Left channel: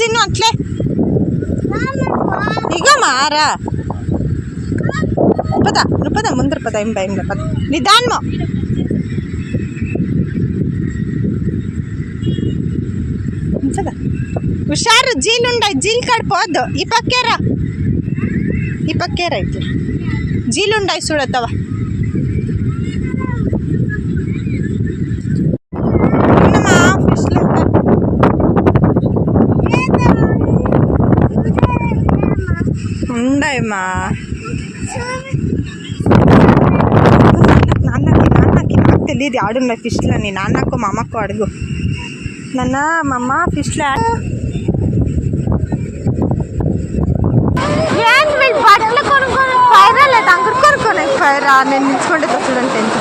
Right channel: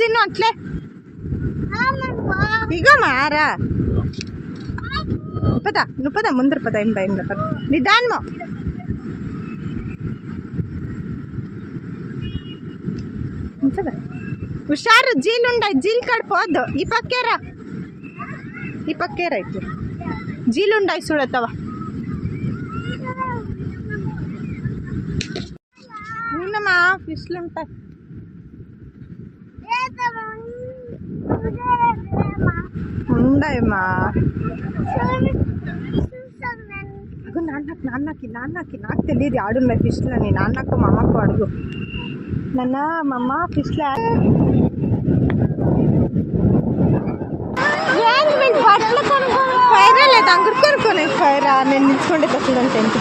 చిన్ను అట్లే ఇగో మారా నువ్వు పద ముందర పద ఏం భయం పద నిదానమో హుషారు జీలుండాయి జీలు కడిపోద్దు ఈ పక్కేరా ఇట్లా జీలుండాయి చూడత్తవా ఫిష్లు ఉండయమ్మా నాన్నకి నాకు తెలియదు ఆడున్నాయి ఫిష్లు అని నాన్నకు మా అమ్మకు అడుగు నాన్న మా అమ్మ ఫిష్లు బట్టలు కొనుక్కొని పైరా లేదా అంకుడు కొనుక్కొని పైరా నేను నిల్చుకుంటే చూడండి 10th